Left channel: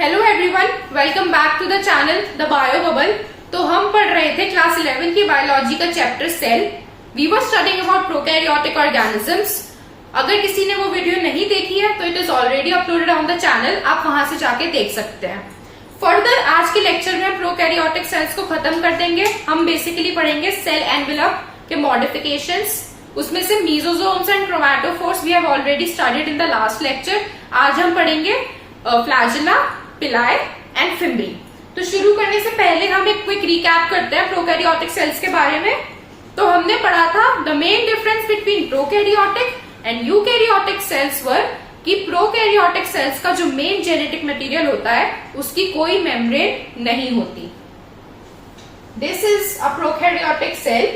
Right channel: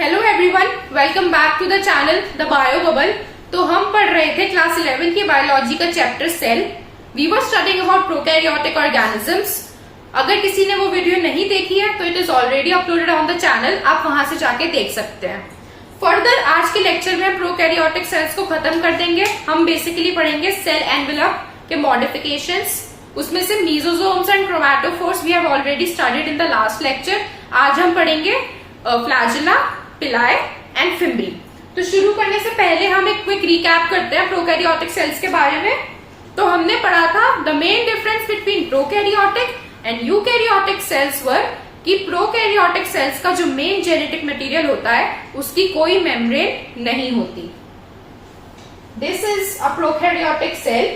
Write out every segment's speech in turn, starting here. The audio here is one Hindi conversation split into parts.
Hello everyone, welcome back to the channel the bio bubble. तो हम पढ़ रहे थे क्लास 11 की बायोलॉजी का chapter cell. We were studying about prokaryotic organisms. अगर किसी ने वो वीडियो नहीं देखी है तो it is already uploaded on the channel, आप वहां से जाके देख सकते हैं। फर्दर आज के लेक्चर में हम प्रोकैरियोटिक सेल्स को खत्म कर देंगे। हम बेसिकली पढ़ेंगे सेल एनवेलप के मॉडिफिकेशंस, उसमें से mesosomes and chromatophores we have already studied in the last lecture. आज हम पढ़ेंगे फ्लैजेला, पिलाई एंड फिम्बरी। तो शुरू करने से पहले हम एक क्विक रिकैप करते हैं प्रोकैरियोटिक सेल्स के बारे में। तो हमने पढ़ा था the main difference between prokaryotic and eukaryotic cells were कि प्रोकैरियोटिक सेल्स का जो मेन जेनेटिक मटेरियल होता है उसकी कोई मेम्ब्रेन नहीं होती। This is a prokaryotic cell,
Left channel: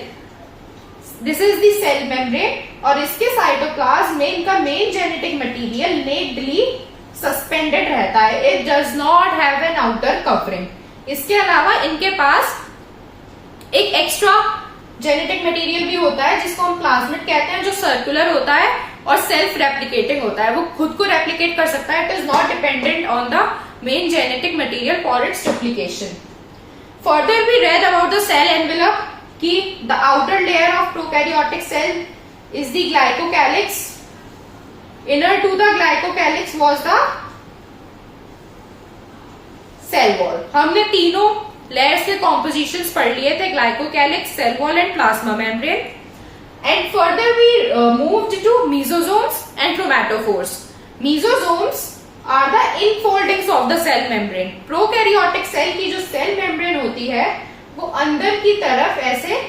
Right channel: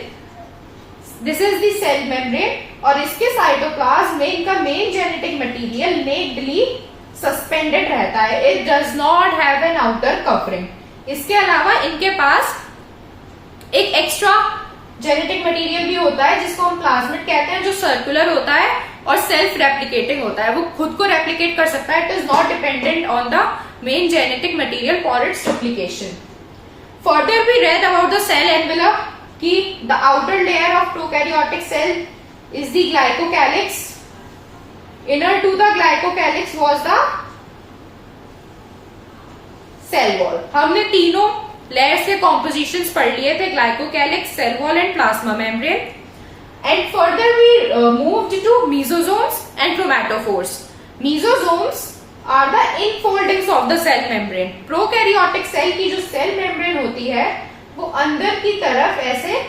this is the cell membrane और इसके साइटोप्लाज्म में इनका main genetic material nakedly suspended रहता है। It does not have an outer covering. इसके अलावा इनके पास एक एक्स्ट्रा जेनेटिक मटेरियल भी होता है जिसको हम प्लाज्मिड कहते हैं, जो सर्कुलर होता है और सेल्फ रेप्लिकेटिंग होता है। वो खुद को रेप्लिकेट कर सकता है। It is not dependent on the main genetic material for its duplication. Further we read about the cell envelope कि the outer layer of prokaryotic cell is the glycocalyx. Inner to the glycocalyx was the cell wall. हमने तीनों लेयर्स के कॉम्पोजिशंस पढ़ लिए थे, glycocalyx, cell wall and plasma membrane. And further we moved to mesosomes and chromatophores. Mesosomes are the infoldings of the cell membrane. Prokaryotic cell की जो सेल मेम्ब्रेन होती है वो अंदर की तरफ ऐसे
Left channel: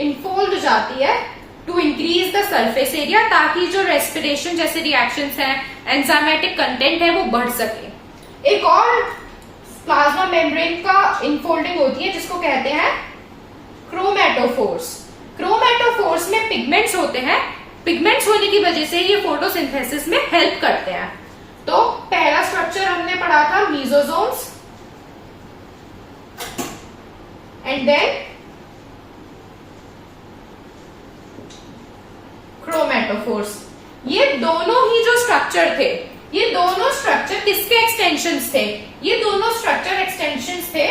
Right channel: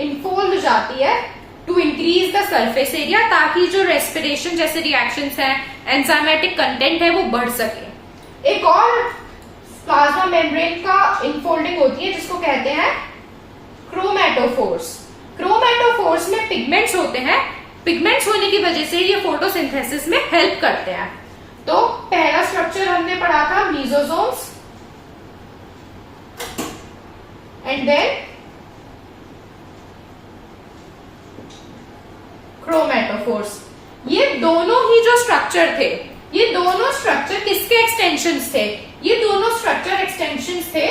इनफोल्ड हो जाती है to increase the surface area, ताकि जो रेस्पिरेशन जैसे रिएक्शंस हैं, एंजाइमेटिक कंटेंट है, वो बढ़ सके। एक और प्लाज्मा मेम्ब्रेन का इनफोल्डिंग होती है जिसको कहते हैं क्रोमैटोफोर्स। क्रोमैटोफोर्स में पिगमेंट्स होते हैं। पिगमेंट्स होने की वजह से ये फोटोसिंथेसिस में हेल्प करते हैं। तो पहला स्ट्रक्चर हमने पढ़ा था मीजोजोम्स एंड देन क्रोमैटोफोर्स। ये दोनों ही जो स्ट्रक्चर थे, ये दोनों स्ट्रक्चर किसके एक्सटेंशंस थे? ये दोनों स्ट्रक्चर एक्सटेंशंस थे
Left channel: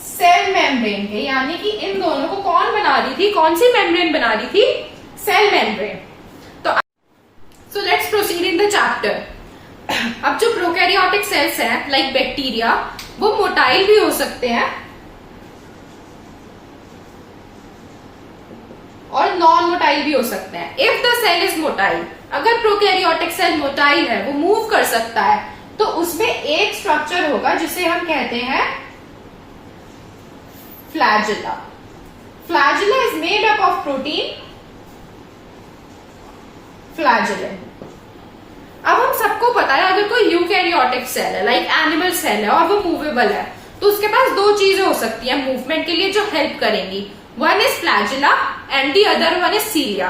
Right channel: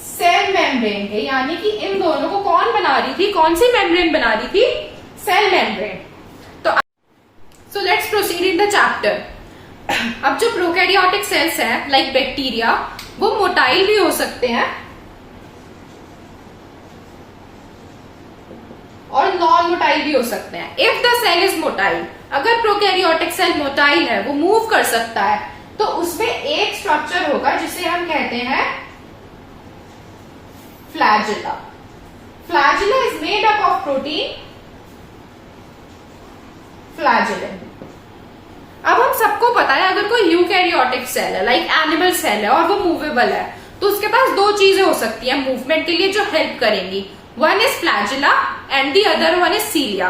सेल मेम्ब्रेन के। यानी कि इन दोनों को कौन बना रही थी? कौन सी मेम्ब्रेन बना रही थी? Cell membrane. तो let's proceed in the chapter. अब जो प्रोकैरियोटिक सेल्स हैं लाइक बैक्टीरिया, वो मोटाइल भी हो सकते हैं और नॉन मोटाइल भी हो सकते हैं। If the cell is motile, अगर प्रोकैरियोटिक सेल मोटाइल है, वो मूव कर सकता है, तो उसमें एक स्ट्रक्चर होगा जिसे हम कहते हैं flagella. Flagella is made up of protein flagellin. अब हम सबको पता है अगर कोई यूकैरियोटिक सेल है लाइक एनिमल सेल है और वो मूवेबल है, तो उसके पास दो चीजें हो सकती है मूवमेंट के लिए जो हेल्प करेंगी। One is flagella and the other one is cilia.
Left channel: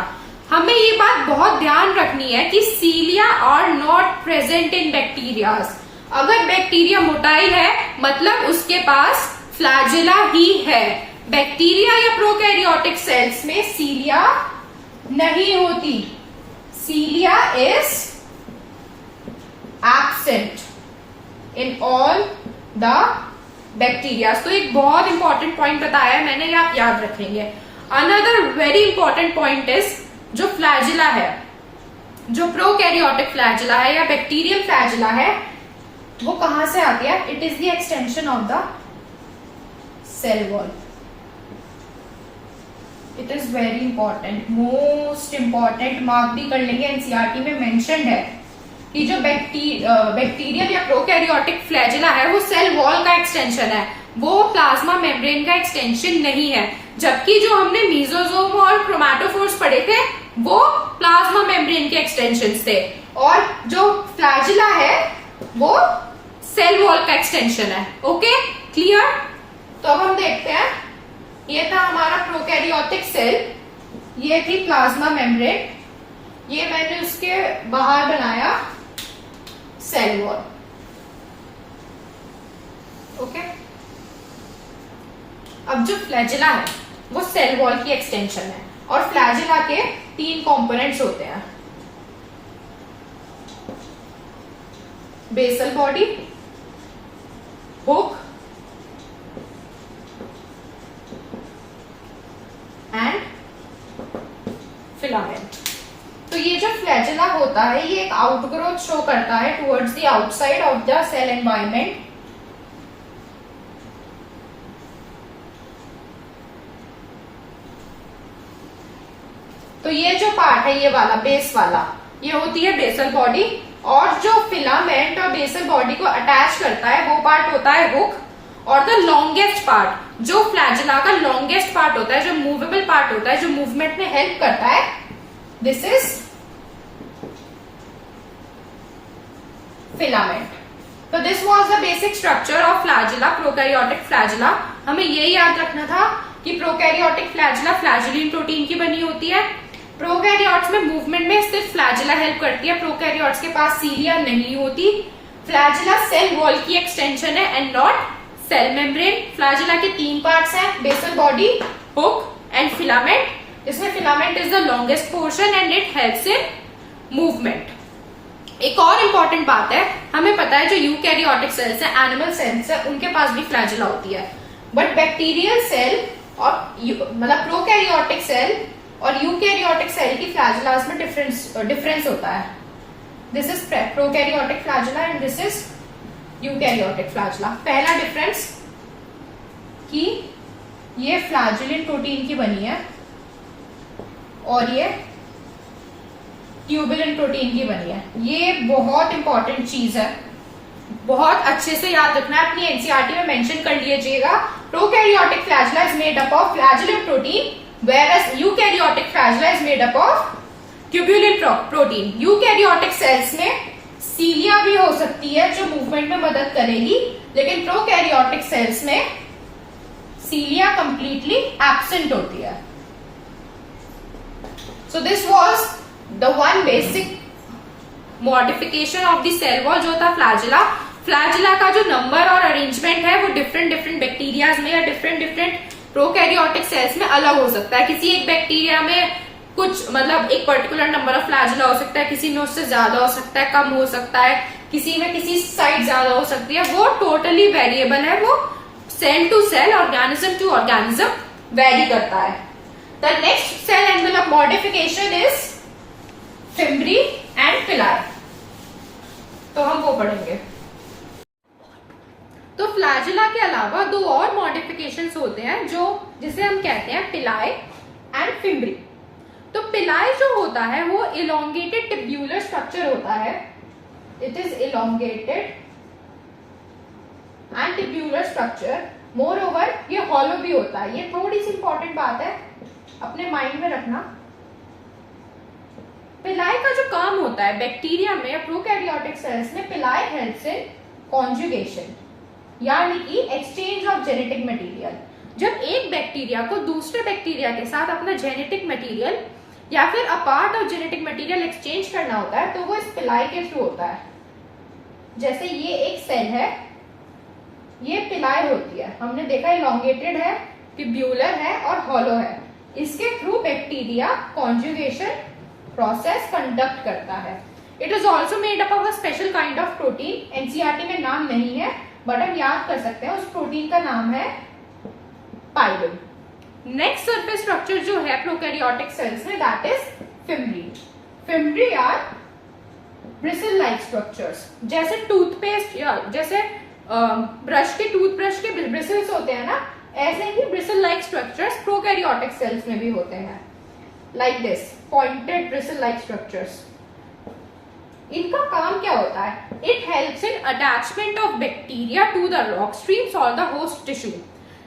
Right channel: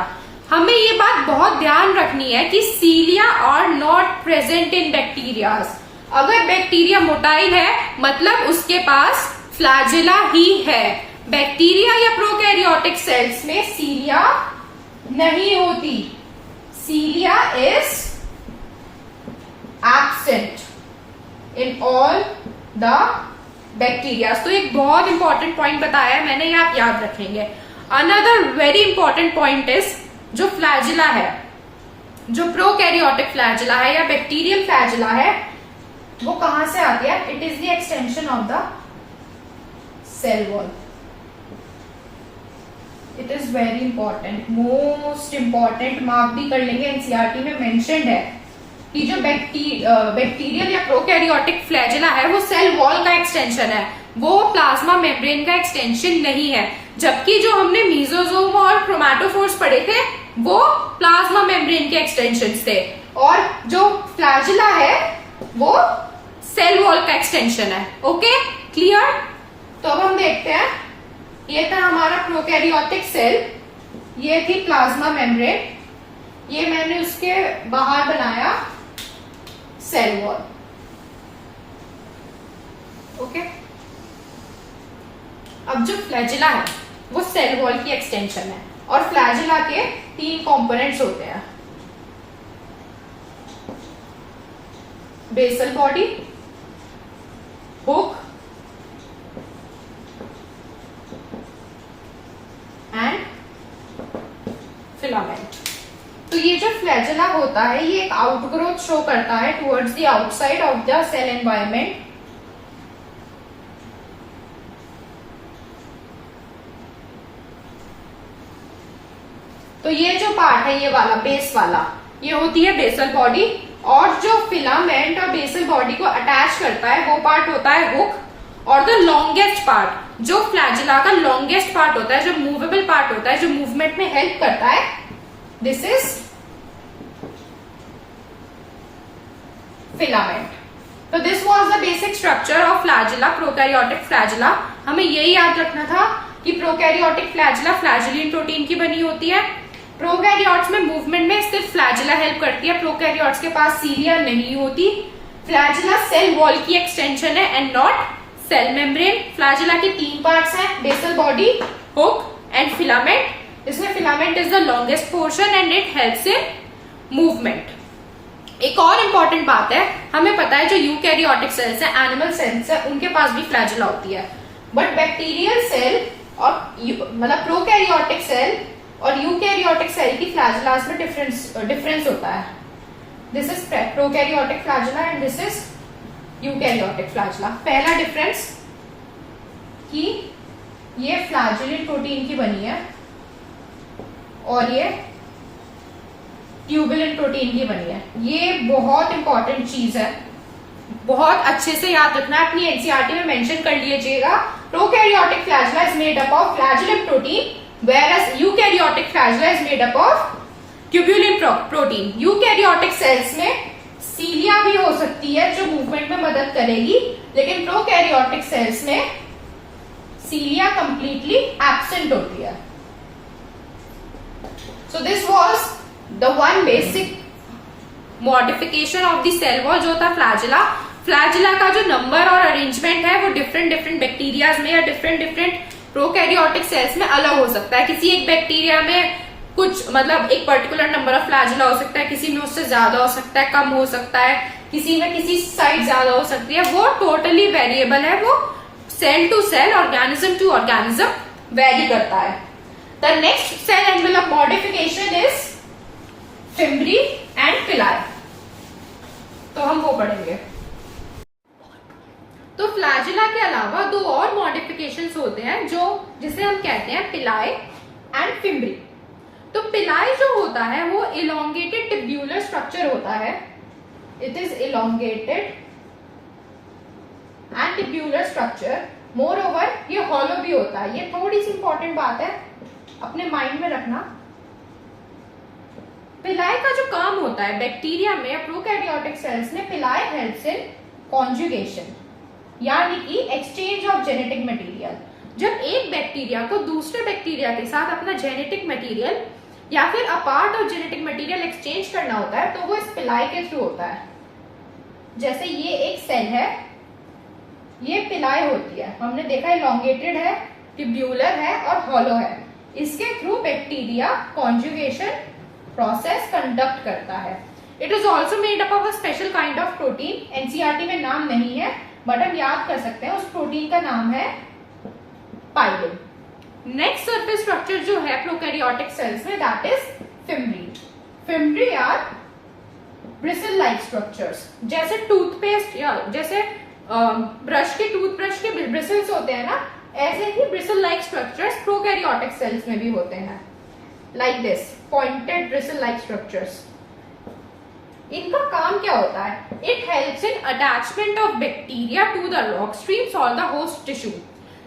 हमें ये बात बहुत ध्यान रखनी है कि cilia are not present in bacterias. अगर बैक्टीरिया मोटाइल है मतलब उसके पास फ्लैजेला ही है। बैक्टीरिया या प्रोकैरियोटिक सेल्स में सीलिया नहीं होती। Cilia is absent in all the bacteria. तो एक बहुत इंपॉर्टेंट पॉइंट बताया है मैंने, ये आप याद रखेंगे। Another very important point is जो फ्लैजेला है, जो प्रोकैरियोटिक फ्लैजेला है या बैक्टीरियल फ्लैजेला है, वो कहां से आती है? It is the extension of the cell wall. It is very important, most important, mark भी कर लेंगे, एनसीईआरटी में मेंशन्ड है कि जो बैक्टीरियल या प्रोकैरियोटिक फ्लैजेला है वो सेल वॉल का एक्सटेंशन है, वो प्लाज्मा मेम्ब्रेन का एक्सटेंशन नहीं है। जबकि जो हमने मीजोजोम और क्रोमैटोफोर्स पढ़े थे वो प्लाज्मा मेम्ब्रेन के एक्सटेंशंस थे, और जो फ्लैजेला है वो सेल वॉल का एक्सटेंशन है। Okay, clear? तो अब हम देखते हैं, ये था हमारा प्रोकैरियोटिक सेल, ये थी प्लाज्मा मेम्ब्रेन, ये मैंने उसके बाहर बनाया सेल वॉल। ओके, अब जो फ्लैजेला है वो सेल वॉल की एक्सटेंशन है और फ्लैजेला के 3 कंपोनेंट्स होते हैं। basal body, hook and filament. तो ये जो फ्लैजेला होता है ये एक आउटग्रोथ शो करता है towards the outside of the cell environment. तो ये जो पार्ट है ये वाला बेस वाला ये होती है बेसल बॉडी, और जो फिलामेंट और बेसल बॉडी को अटैच करता है वो पार्ट होता है हुक. और द लॉन्गेस्ट पार्ट जो फ्लैजेला का लॉन्गेस्ट पार्ट होता है, जो मूवेबल पार्ट होता है, जो मूवमेंट में हेल्प करता है, दिस इज फिलामेंट. तो this was the basic structure of flagella, prokaryotic flagella. हमें यही याद रखना था कि प्रोकैरियोटिक फ्लैजेला फ्लैजेलिन प्रोटीन की बनी होती है. प्रोकैरियोट्स में मूवमेंट में सिर्फ फ्लैजेला हेल्प करती है. प्रोकैरियोट्स के पास सीलिया नहीं होती. फ्लैजेला सेल वॉल की एक्सटेंशन है and not cell membrane. Flagella के 3 पार्ट्स हैं, basal body, hook and filament. इसमें filament is the longest portion and it helps in movement. एक और इम्पोर्टेंट बात है, हमें पता है जो यूकैरियोटिक सेल्स है, एनिमल सेल्स है, उनके पास भी फ्लैजेला होती है. बट बैक्टीरियल सेल और मतलब प्रोकैरियोटिक सेल और यूकैरियोटिक सेल की फ्लैजेलास में डिफरेंस होता है. This is prokaryotic flagella and this is eukaryotic flagella. पहला डिफरेंस कि ये फ्लैजेलिन प्रोटीन की बनी है और ये ट्यूबुलिन प्रोटीन की बनी है. ये बहुत इंपॉर्टेंट चीज है, बहुत अच्छे से याद रखना है. अपनी एनसीईआरटी में मेंशन कर लीजिएगा. Prokaryotic flagella is made up of flagellin protein whereas eukaryotic flagella is made up of tubulin protein. Eukaryotic cells में सीलिया भी हो सकती है जो मूवमेंट में मदद करेगी, लेकिन प्रोकैरियोटिक सेल्स में सीलिया कंप्लीटली एब्सेंट होती है. So this was the one basic modification of the cell wall जो था फ्लैजेला. फ्लैजेला का जो नंबर और अरेंजमेंट है वो डिफरेंट बैक्टीरिया में या डिफरेंट प्रोकैरियोटिक सेल्स में अलग हो सकता है. किसी एक बैक्टीरिया में कुछ मतलब एक पर्टिकुलर नंबर ऑफ फ्लैजेला हो सकता है, किसी में उससे ज्यादा हो सकता है, कम हो सकता है, किसी में किसी साइड ज्यादा हो सकती है. वो टोटली वेरिएबल है, वो cell to cell, organism to organism vary करता है. The next cell envelope modification is fimbriae and pili. तो हम वो पढ़ेंगे. तो फ्लैजेला के अलावा 2 और मॉडिफिकेशंस होते हैं जो जिसे हम कहते हैं पिलाई एंड फिम्ब्री. तो पिलाई जो होता है वो इलोंगेटेड टिब्यूलर स्ट्रक्चर होता है. It is elongated and tubular structure. More over ये हॉलो भी होता है. ये थोड़ी सी इंपॉर्टेंट बात है, अपने माइंड में रखना. पिलाई का जो काम होता है बैक्टीरिया में, प्रोकैरियोटिक सेल्स में, पिलाई हेल्प्स इन कॉन्जुगेशन यानी कि एक्सचेंज ऑफ जेनेटिक मटेरियल. जब एक बैक्टीरिया को दूसरे बैक्टीरिया के साथ अपना जेनेटिक मटेरियल या फिर apart of genetic material exchange करना होता है तो वो इस पिलाई के थ्रू होता है. जैसे ये एक सेल है, ये पिलाई होती है, हमने देखा इलोंगेटेड है, ट्यूब्यूलर है और हॉलो है. इसके through bacteria conjugation process conduct करता है. It is also made up of a special kind of protein. NCERT में नाम नहीं है बट हम याद कर सकते हैं. उस प्रोटीन का नाम है पाइलिन. नेक्स्ट सरफेस स्ट्रक्चर जो है प्रोकैरियोटिक सेल्स में that is fimbriae. Fimbriae are bristle like structures. जैसे टूथपेस्ट या जैसे ब्रश के टूथब्रश के ब्रिसल्स होते हैं ना, ऐसे ही bristle like structures prokaryotic cells में भी होते हैं. Like this pointed bristle like structures. इनका काम क्या होता है? It helps in attachment of bacteria to the rock streams और द होस्ट टिश्यू.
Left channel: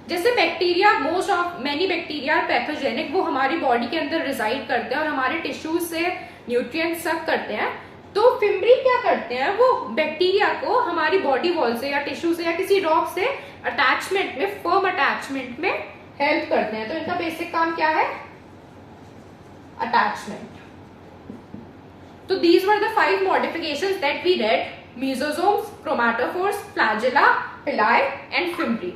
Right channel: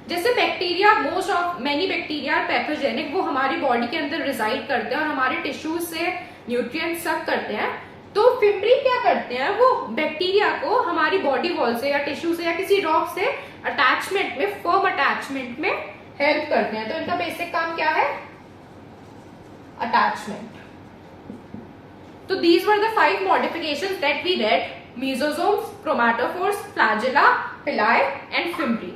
जैसे bacteria, most of many bacteria pathogenic, वो हमारी बॉडी के अंदर रिजाइड करते हैं और हमारे टिश्यू से न्यूट्रिएंट सक करते हैं. तो फिम्ब्री क्या करते हैं, वो बैक्टीरिया को हमारी बॉडी वॉल से या टिश्यू से या किसी रॉक से अटैचमेंट में, फर्म अटैचमेंट में हेल्प करते हैं. तो इनका बेसिक काम क्या है? Attachment. So these were the 5 modifications that we read: mesosomes, chromatophores, flagella, pili and fimbri.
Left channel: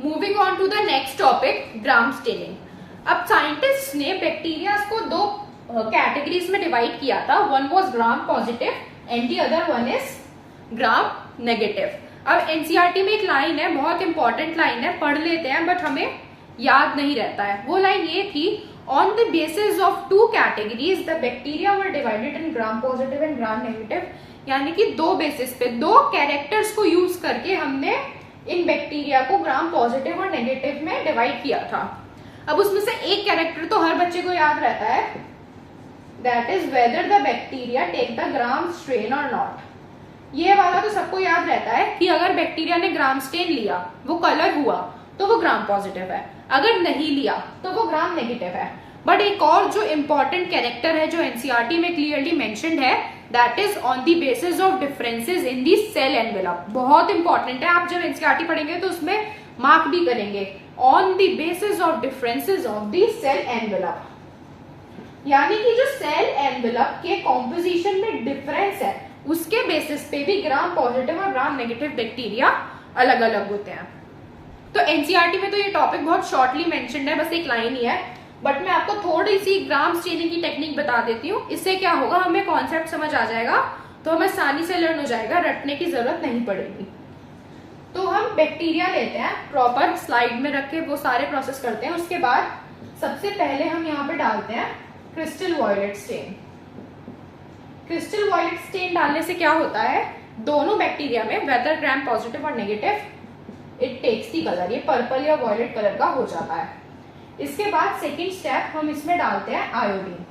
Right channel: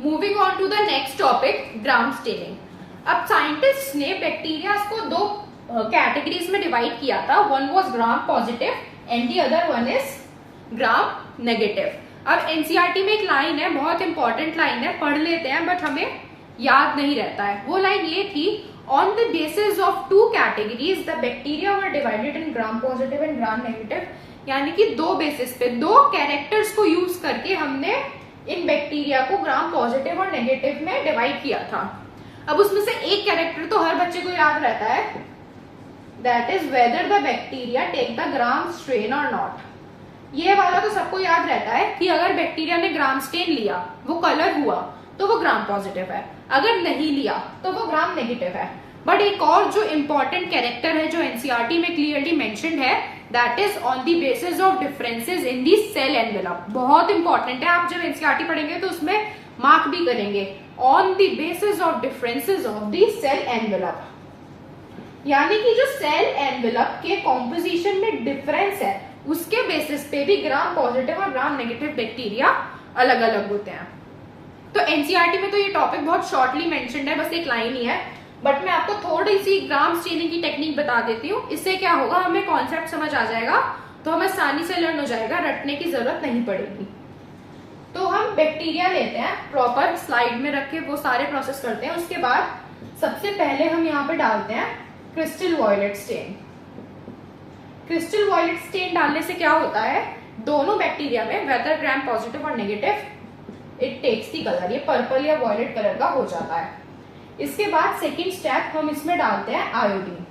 Moving on to the next topic, gram staining. अब साइंटिस्ट ने बैक्टीरिया को 2 कैटेगरीज में डिवाइड किया था. One was gram positive and the other one is gram negative. अब एनसीईआरटी में एक लाइन है, बहुत इंपॉर्टेंट लाइन है, पढ़ लेते हैं बट हमें याद नहीं रहता है। वो लाइन ये थी, on the basis of two categories the bacteria were divided in gram positive and gram negative. यानी कि दो बेसिस पे, दो कैरेक्टर्स को यूज करके हमने इन बैक्टीरिया को ग्राम पॉजिटिव और नेगेटिव में डिवाइड किया था। अब उसमें से एक कैरेक्टर तो हर बच्चे को याद रहता है, that is whether the bacteria take the Gram strain और नॉट। ये वाला तो सबको याद रहता है कि अगर बैक्टीरिया ने ग्राम स्ट्रेन लिया, वो कलर हुआ, तो वो ग्राम पॉजिटिव है, अगर नहीं लिया तो वो ग्राम नेगेटिव है। बट एक और जो इंपॉर्टेंट कैरेक्टर है जो एनसीईआरटी में क्लियरली मेंशन्ड है, that is on the basis of differences in the cell envelope. बहुत इंपॉर्टेंट है, आप जब एनसीईआरटी पढ़ेंगे तो उसमें मार्क भी करेंगे, on the basis of differences of the cell envelope. यानी कि जो सेल एनवेलप के कॉम्पोजिशन में डिफरेंस है, उसके बेसिस पे भी ग्राम पॉजिटिव और ग्राम नेगेटिव बैक्टीरिया अलग अलग होते हैं। तो एनसीईआरटी में तो ये टॉपिक बहुत शॉर्टली मेंशन्ड है, बस एक लाइन ही है, बट मैं आपको थोड़ी सी ग्राम स्टेनिंग की टेक्निक बता देती हूँ। इससे क्या होगा, हमें कॉन्सेप्ट समझ आ जाएगा, तो हमें आसानी से लर्न हो जाएगा, रटने की जरूरत नहीं पड़ेगी। तो हम बैक्टीरिया लेते हैं, प्रॉपर स्लाइड में रख के वो सारे प्रोसेस करते हैं। उसके बाद सबसे पहले हम यहाँ पे डालते हैं crystal violet stain. Crystal violet stain डालने से क्या होता है, दोनों बैक्टीरिया में वेदर ग्राम पॉजिटिव और negative, it takes the colour, ये पर्पल या वॉयलेट कलर का हो जाता है। इसके बाद सेकंड स्टेप हम इसमें डालते हैं आयोडीन।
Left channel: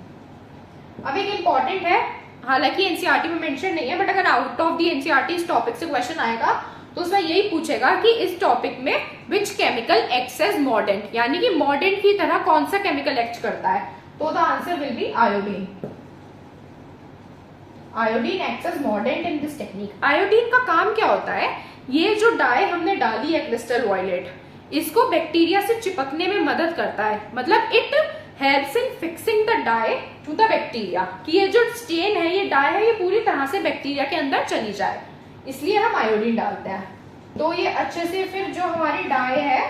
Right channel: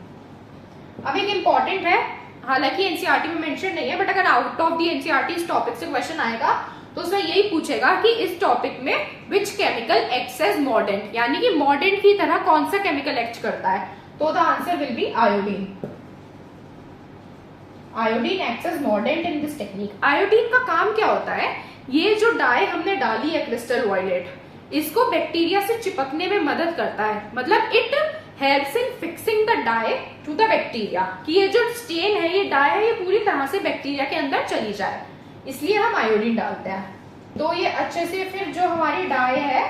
अब एक इंपॉर्टेंट है, हालांकि एनसीईआरटी में मेंशन नहीं है, बट अगर आउट ऑफ दी एनसीईआरटी इस टॉपिक से क्वेश्चन आएगा तो उसमें यही पूछेगा कि इस टॉपिक में which chemical acts as mordant, यानी कि मॉर्डेंट की तरह कौन सा केमिकल एक्ट करता है, तो the answer will be iodine. Iodine acts as mordant in this technique. Iodine का काम क्या होता है, ये जो डाई हमने डाली है क्रिस्टल वॉयलेट, इसको बैक्टीरिया से चिपकने में मदद करता है, मतलब it helps in fixing the dye to the bacteria, कि ये जो स्टेन है, ये डाई है, ये पूरी तरह से बैक्टीरिया के अंदर चली जाए, इसलिए हम आयोडीन डालते हैं। तो ये अच्छे से फिर जो हमारी डाई है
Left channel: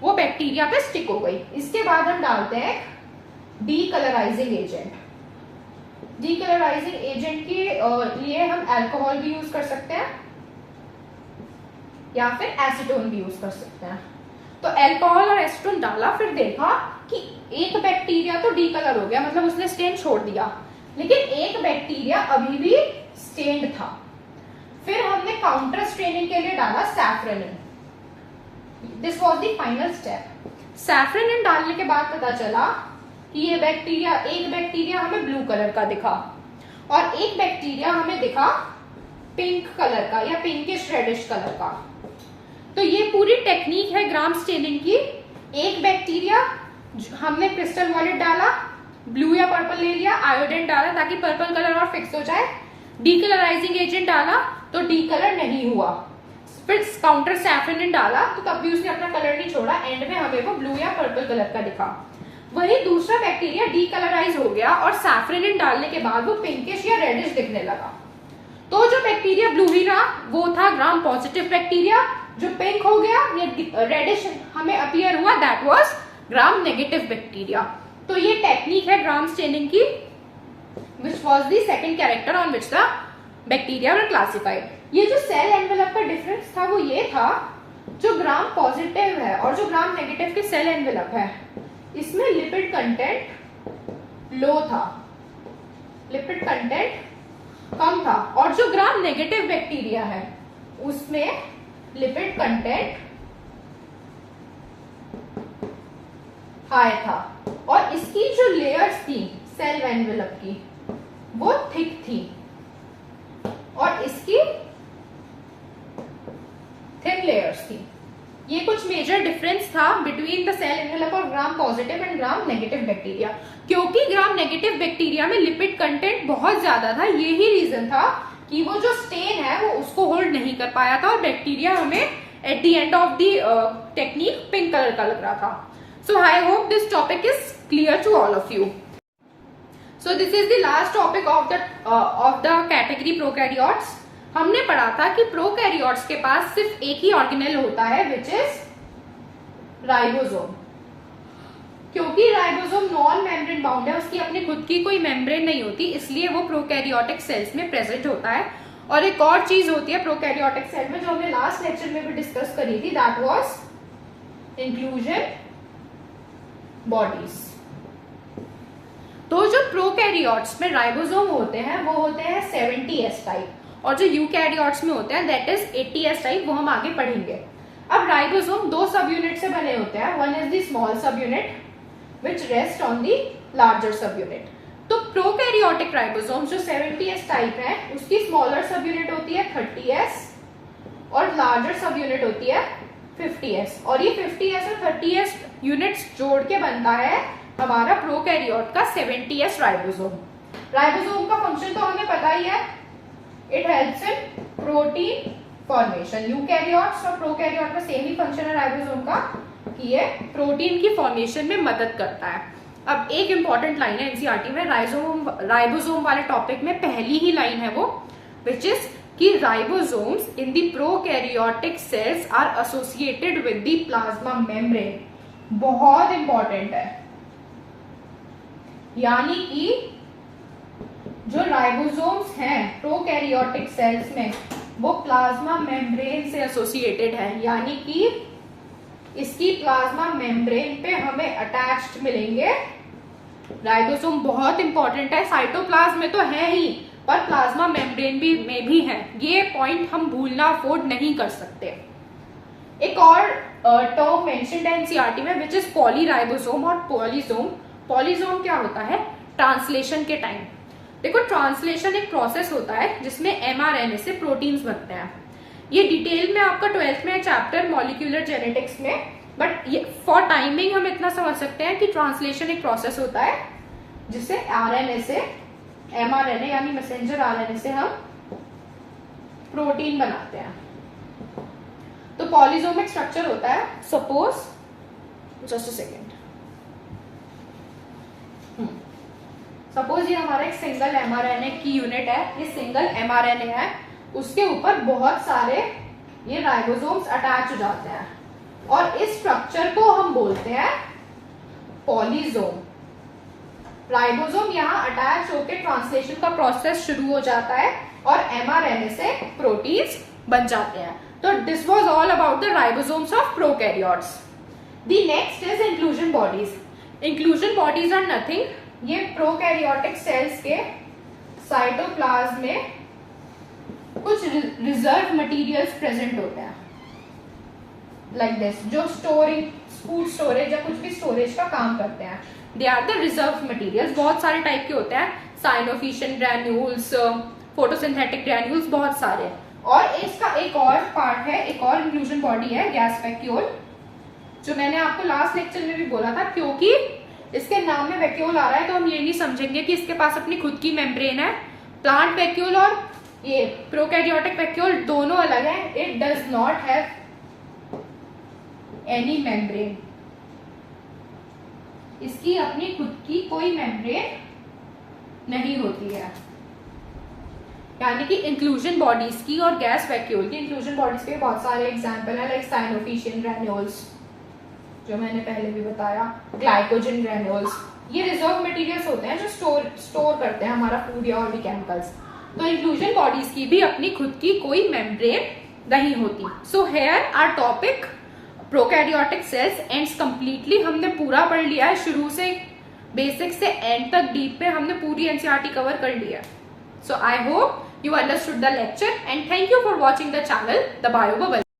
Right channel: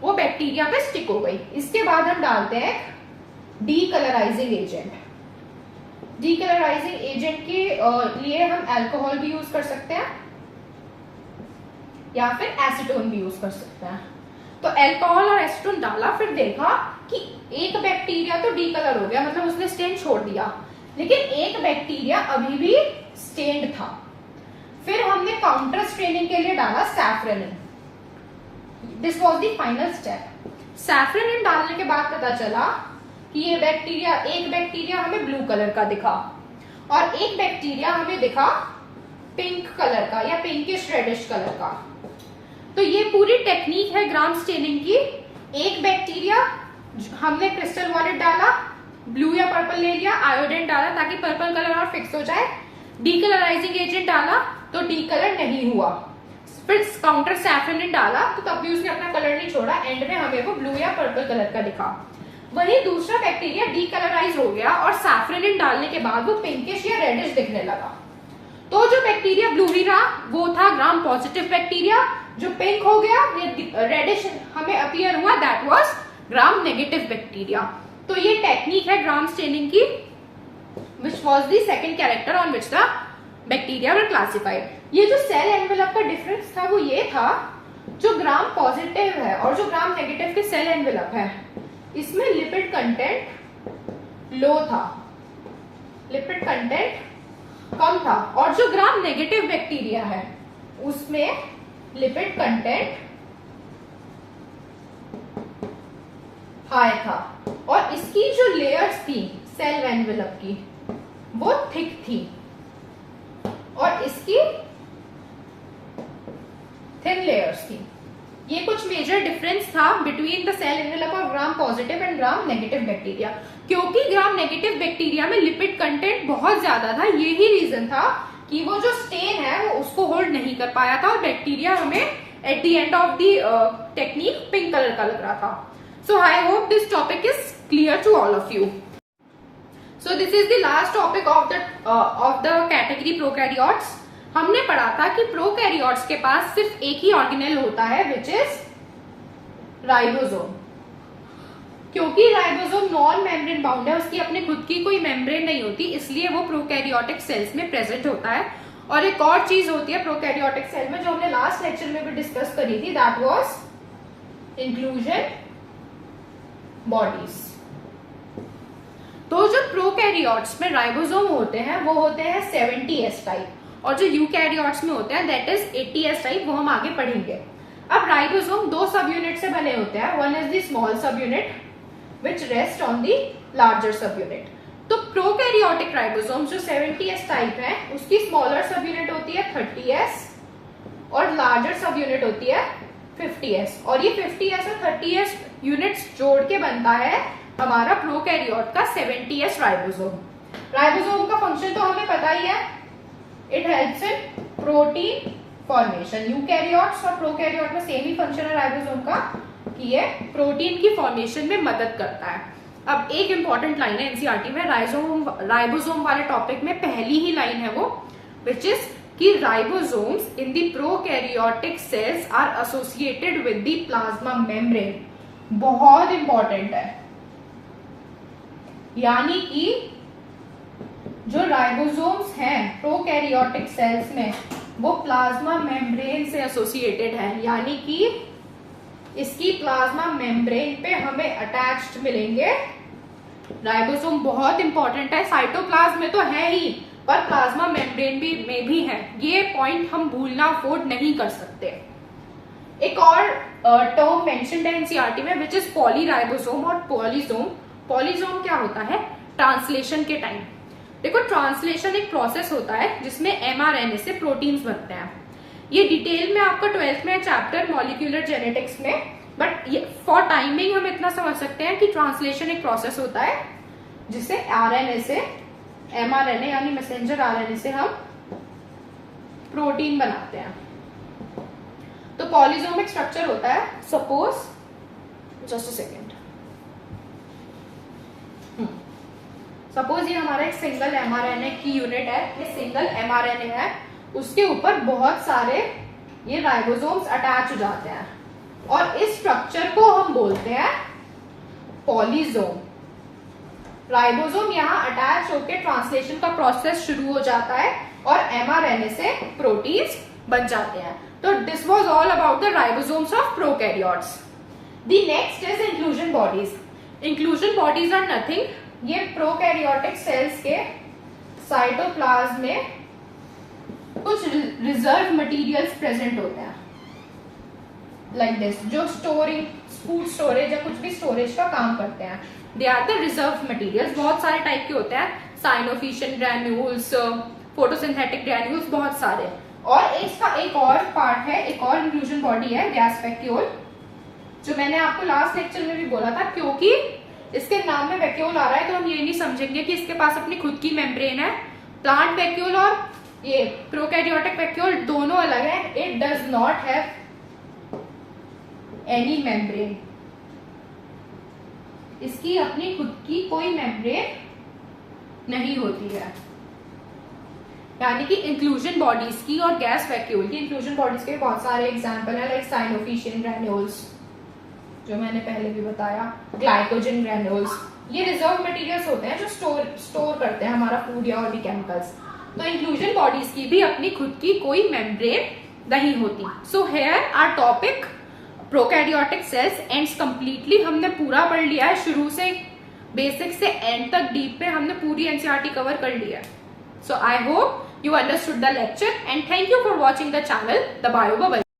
वो बैक्टीरिया पे स्टिक हो गई। इसके बाद हम डालते हैं डीकलराइजिंग एजेंट। डीकलराइजिंग एजेंट के लिए हम अल्कोहल भी यूज कर सकते हैं या फिर एसीटोन भी यूज कर सकते हैं। तो अल्कोहल और एसीटोन डाला, फिर देखा कि एक बैक्टीरिया तो डीकलर हो गया, मतलब उसने स्टेन छोड़ दिया, लेकिन एक बैक्टीरिया अभी भी स्टेन्ड था। फिर हमने काउंटर स्ट्रेनिंग के लिए डाला safranin. This was the final step. Safranin डालने के बाद पता चला कि ये बैक्टीरिया, एक बैक्टीरिया हमें ब्लू कलर का दिखा और एक बैक्टीरिया हमें दिखा पिंक कलर का या पिंकिश रेडिश कलर का। तो ये पूरी टेक्निक है ग्राम स्टेनिंग की। एक बैक्टीरिया हमने क्रिस्टल वॉयलेट डाला, ब्लू या पर्पल ले लिया, आयोडीन डाला ताकि पर्पल कलर और फिक्स हो जाए, डीकलराइजिंग एजेंट डाला तो डीकलर नहीं हुआ, फिर काउंटर सैफ्रोनिन डाला तो तब भी उसने अपना कलर नहीं छोड़ा, एंड में हमें वो ब्लू या पर्पल कलर का दिखा। वही दूसरा बैक्टीरिया डीकलराइज हो गया और सैफ्रोनिन डालने के बाद वो पिंकिश या रेडिश दिखने लगा। तो जो बैक्टीरिया ब्लू ही रहा वो था ग्राम पॉजिटिव बैक्टीरिया, जो पिंक हो गया या रेडिश हमें अपीयर हुआ, that was gram negative bacteria. तो ये टेक्निक है ग्राम स्टेनिंग की, which was the second character on which the bacteria were classified. ये जो सेल एनवेलप का डिफरेंस था वो ये था, जो ग्राम पॉजिटिव है और जो ग्राम नेगेटिव के सेल एनवेलप है, इसमें लिपिड कंटेंट लो था, लिपिड कंटेंट कम था, और जो ग्राम नेगेटिव बैक्टीरिया है उसमें लिपिड कंटेंट हाई था, और इसकी जो लेयर्स थी सेल एनवेलप की वो थिक थी और इसकी थिन लेयर्स थी। ये कुछ मेजर डिफरेंस था बिटवीन द सेल एनवेलप और gram positive and gram negative bacteria. क्योंकि ग्राम नेगेटिव बैक्टीरिया में लिपिड कंटेंट बहुत ज्यादा था, यही रीजन था कि वो जो स्टेन है वो उसको होल्ड नहीं कर पाया था और बैक्टीरिया हमें at the end of the technique pink colour का लग रहा था। So I hope this topic is clear to all of you. So this is the last topic of the category prokaryotes. हमने पढ़ा था कि प्रोकैरियोट्स के पास सिर्फ एक ही ऑर्गेनेल होता है विच इज राइबोसोम। क्योंकि राइबोसोम नॉन मेम्ब्रेन बाउंड है, उसकी अपने खुद की कोई मेम्ब्रेन नहीं होती, इसलिए वो प्रोकैरियोटिक सेल्स में प्रेजेंट होता है और एक और चीज होती है प्रोकैरियोटिक सेल में जो हमने लास्ट लेक्चर में भी डिस्कस करी थी, दैट वाज इंक्लूजन बॉडीज। तो जो प्रोकैरियोट्स में राइबोसोम होते हैं वो होते हैं 70S टाइप, और जो यूकैरियोट्स में होते हैं दैट इज 80S टाइप, वो हम आगे पढ़ेंगे। अब राइबोसोम दो सब यूनिट से बने होते हैं, वन इज द स्मॉल सब unit which rest on the larger सब यूनिट। तो प्रोकैरियोटिक राइबोसोम जो 70S टाइप है उसकी स्मॉलर सब यूनिट होती है 30S और लार्जर सब यूनिट होती है 50S, और ये 50S और 30S यूनिट्स जोड़ के बनता है हमारा प्रोकैरियोट का 70S राइबोसोम। राइबोसोम का फंक्शन तो हमें पता ही है, it helps in protein formation. Eukaryotes और प्रोकैरियोट में सेम ही फंक्शन है राइबोसोम का कि ये प्रोटीन की फॉर्मेशन में मदद करता है। अब एक इंपॉर्टेंट लाइन है एनसीईआरटी में राइबोसोम वाले टॉपिक में, पहली ही लाइन है वो, विच इज कि ribosomes in the prokaryotic cells are associated with the plasma membrane. बहुत इंपॉर्टेंट है, यानी कि जो राइबोसोम्स हैं प्रोकैरियोटिक सेल्स में वो प्लाज्मा मेम्ब्रेन से एसोसिएटेड है, यानी कि इसकी प्लाज्मा मेम्ब्रेन पे हमें अटैच्ड मिलेंगे राइबोसोम। बहुत इंपॉर्टेंट है, साइटोप्लाज्म में तो है ही पर प्लाज्मा मेम्ब्रेन में भी है, ये पॉइंट हम भूलना अफोर्ड नहीं कर सकते। एक और टर्म मेंशन्ड है एनसीईआरटी में विच इज पॉलीराइबोसोम और पॉलीसोम। पॉलीसोम क्या होता है, ट्रांसलेशन के टाइम, देखो ट्रांसलेशन एक प्रोसेस होता है जिसमें एमआरएनए से प्रोटीन्स बनते हैं। ये डिटेल में आपका 12th में चैप्टर मॉलिक्यूलर जेनेटिक्स में, बट फॉर टाइमिंग हम इतना समझ सकते हैं कि ट्रांसलेशन एक प्रोसेस होता है जिससे आरएनए से एमआरएनए यानी मैसेंजर आरएनए से हम प्रोटीन बनाते हैं। तो पॉलीसोमिक स्ट्रक्चर होता है, suppose just a second, suppose ये हमारा एक सिंगल एमआरएनए की यूनिट है, ये सिंगल एमआरएनए है, उसके ऊपर बहुत सारे ये राइबोसोम्स अटैच हो जाते हैं और इस स्ट्रक्चर को हम बोलते हैं पॉलीसोम। राइबोसोम यहाँ अटैच होकर ट्रांसलेशन का प्रोसेस शुरू हो जाता है और एमआरएनए से प्रोटीन्स बन जाते हैं। तो this was all about the ribosomes of prokaryotes. The next is inclusion bodies. Inclusion bodies are nothing, ये प्रोकैरियोटिक सेल्स के साइटोप्लाज्म में कुछ रिजर्व मटेरियल्स प्रेजेंट होते हैं लाइक दिस, जो स्टोरिंग, फूड स्टोरेज या कुछ भी स्टोरेज का काम करते हैं। They are the reserve materials. बहुत सारे टाइप के होते हैं, साइनोफिशियल ग्रैन्यूल्स, फोटोसिंथेटिक ग्रैन्यूल्स, बहुत सारे। और इसका एक और पार्ट है, एक और इंक्लूजन बॉडी है गैस वैक्यूल, जो मैंने आपको लास्ट लेक्चर में भी बोला था। क्योंकि इसके नाम में वैक्यूल आ रहा है तो हम ये नहीं समझेंगे कि इसके पास अपनी खुद की मेम्ब्रेन है। प्लांट वैक्यूल और ये प्रोकैरियोटिक वैक्यूल दोनों अलग है। It does not have any membrane, इसकी अपनी खुद की कोई मेम्ब्रेन नहीं होती है। यानी कि इंक्लूजन बॉडीज की और गैस वैक्यूल की, इंक्लूजन बॉडीज के बहुत सारे एग्जांपल है, लाइक साइनोफिशियल ग्रैन्यूल्स जो मैंने पहले भी बताया, ग्लाइकोजन ग्रैन्यूल्स, ये रिजर्व मटेरियल्स होते हैं जो स्टोर करते हैं हमारा फूड या और भी केमिकल्स। तो इंक्लूजन बॉडीज की भी अपनी खुद की कोई मेम्ब्रेन नहीं होती। So here our topic prokaryotic cells ends completely. हमने पूरा पढ़ लिया है, शुरू से बेसिक से एंड तक डीप पे हमने पूरी एनसीईआरटी कवर कर लिया है। So I hope you understood the lecture and thank you for watching the channel The Bio Bubble.